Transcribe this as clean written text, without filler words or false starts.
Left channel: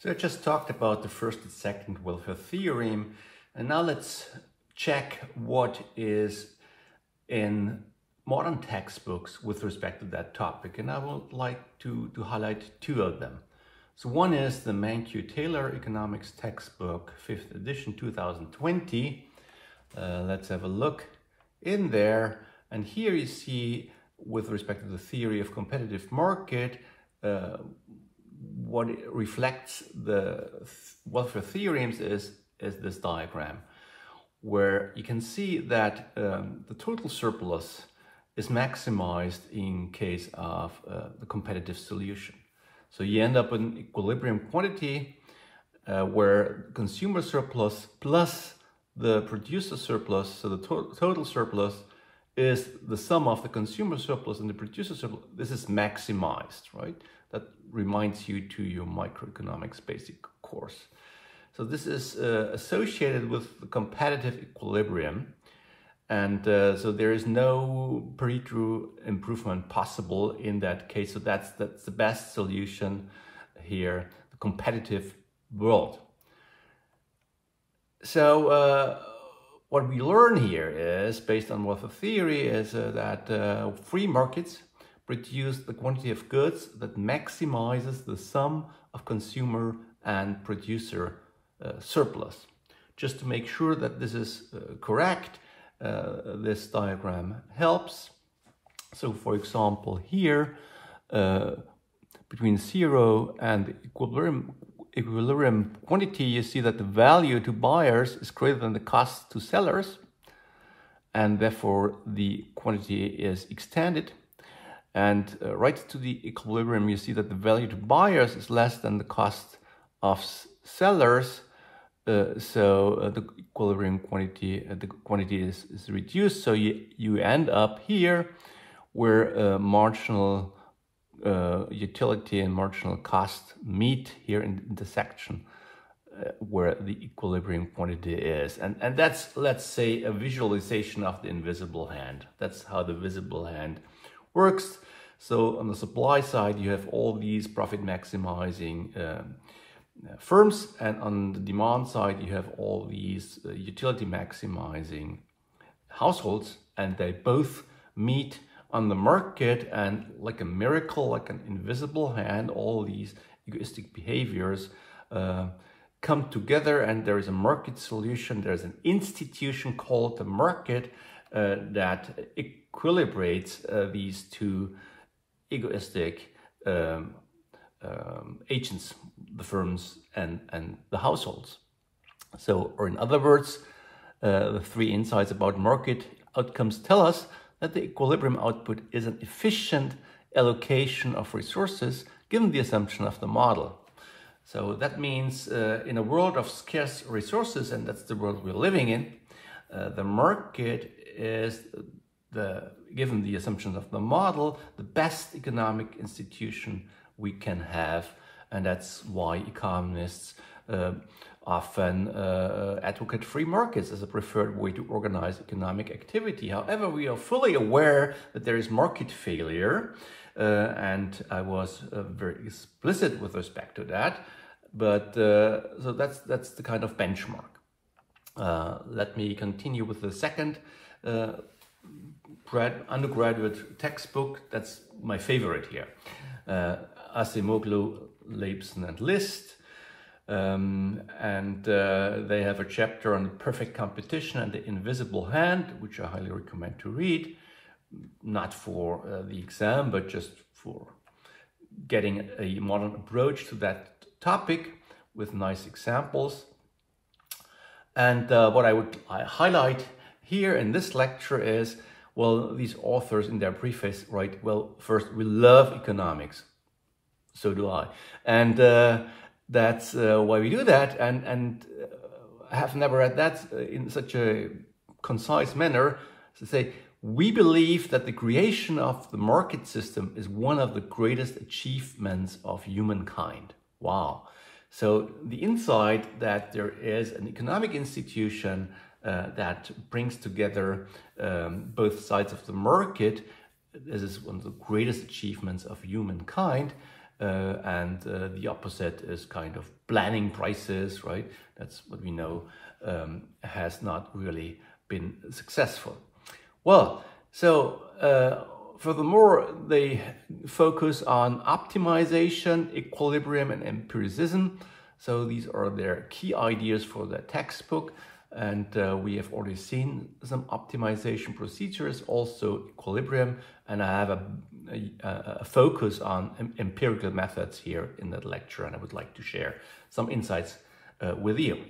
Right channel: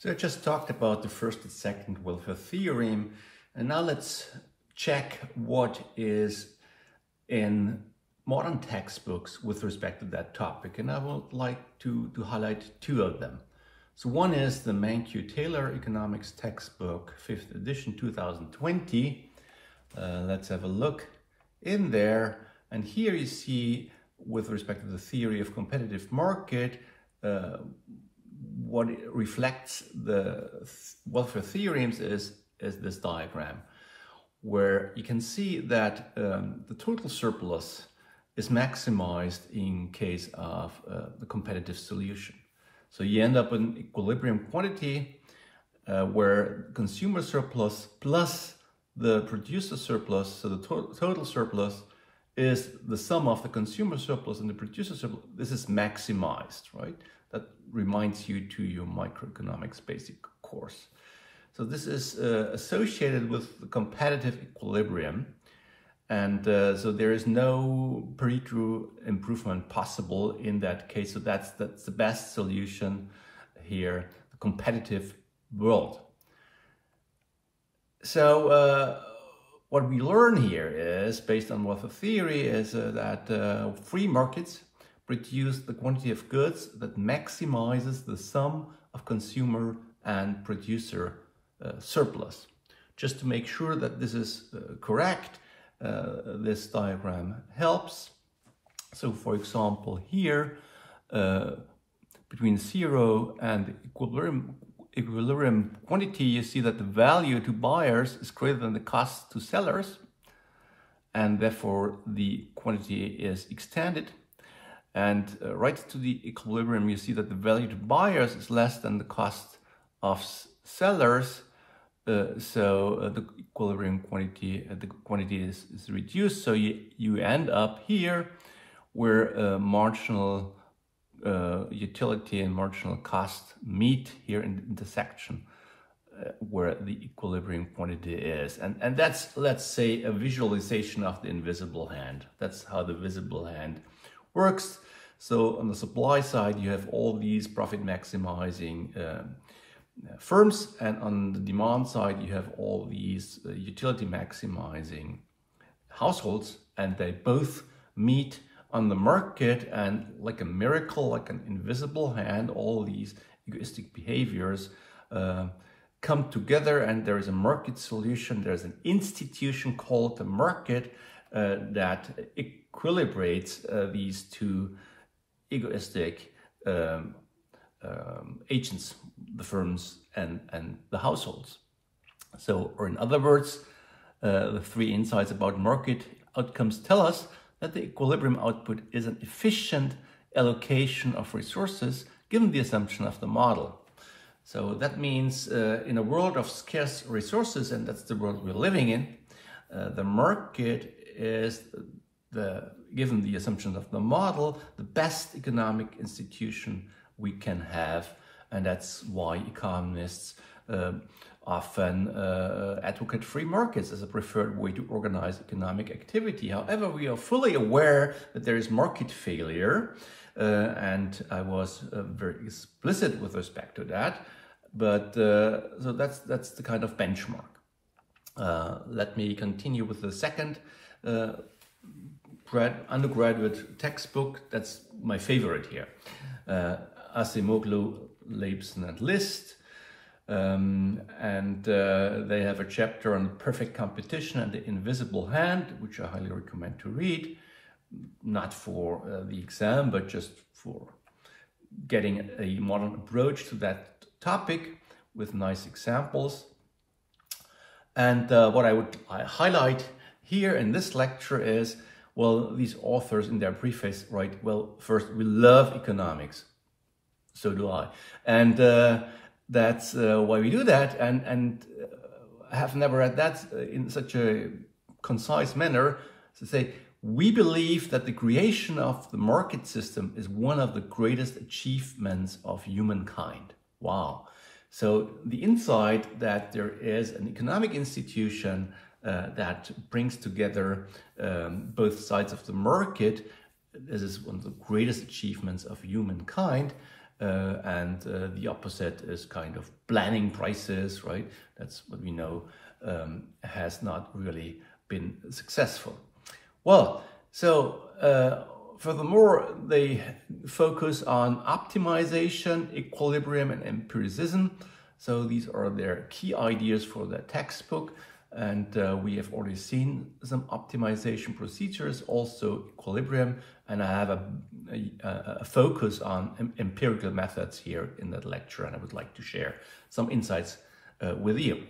So I just talked about the first and second welfare theorem, and now let's check what is in modern textbooks with respect to that topic. And I would like to highlight two of them. So one is the Mankiw-Taylor Economics Textbook, 5th edition, 2020. Let's have a look in there. And here you see, with respect to the theory of competitive market, what it reflects the welfare theorems is this diagram, where you can see that the total surplus is maximized in case of the competitive solution. So you end up in equilibrium quantity where consumer surplus plus the producer surplus, so the total surplus is the sum of the consumer surplus and the producer surplus. This is maximized, right? That reminds you to your microeconomics basic course. So this is associated with the competitive equilibrium. And so there is no Pareto improvement possible in that case. So that's the best solution here, the competitive world. So what we learn here is, based on welfare theory, is that free markets produce the quantity of goods that maximizes the sum of consumer and producer surplus. Just to make sure that this is correct, this diagram helps. So for example, here, between 0 and equilibrium quantity, you see that the value to buyers is greater than the cost to sellers, and therefore the quantity is extended. And right to the equilibrium, you see that the value to buyers is less than the cost of sellers. So the equilibrium quantity, the quantity is reduced. So you end up here where marginal utility and marginal cost meet here in the intersection where the equilibrium quantity is. And that's, let's say, a visualization of the invisible hand. That's how the visible hand works. So on the supply side, you have all these profit maximizing firms, and on the demand side, you have all these utility maximizing households, and they both meet on the market, and like a miracle, like an invisible hand, all these egoistic behaviors come together, and there is a market solution. There's an institution called the market that equilibrates these two egoistic agents, the firms and the households. So, or in other words, the three insights about market outcomes tell us that the equilibrium output is an efficient allocation of resources given the assumption of the model. So that means in a world of scarce resources, and that's the world we're living in, the market is, given the assumptions of the model, the best economic institution we can have. And that's why economists often advocate free markets as a preferred way to organize economic activity. However, we are fully aware that there is market failure, and I was very explicit with respect to that. But so that's the kind of benchmark. Let me continue with the second undergraduate textbook. That's my favorite here. Acemoglu, Leibson, and List. And they have a chapter on the perfect competition and the invisible hand, which I highly recommend to read, not for the exam, but just for getting a modern approach to that topic with nice examples. And what I would highlight here in this lecture is, well, these authors in their preface write, well, first, we love economics. So do I. And that's why we do that. And I have never read that in such a concise manner to say, we believe that the creation of the market system is one of the greatest achievements of humankind. Wow. So the insight that there is an economic institution that brings together both sides of the market, this is one of the greatest achievements of humankind. and the opposite is kind of planning prices, right? That's what we know has not really been successful. Well, so furthermore, they focus on optimization, equilibrium, and empiricism. So these are their key ideas for the textbook. And we have already seen some optimization procedures, also equilibrium, and I have a focus on empirical methods here in that lecture, and I would like to share some insights with you.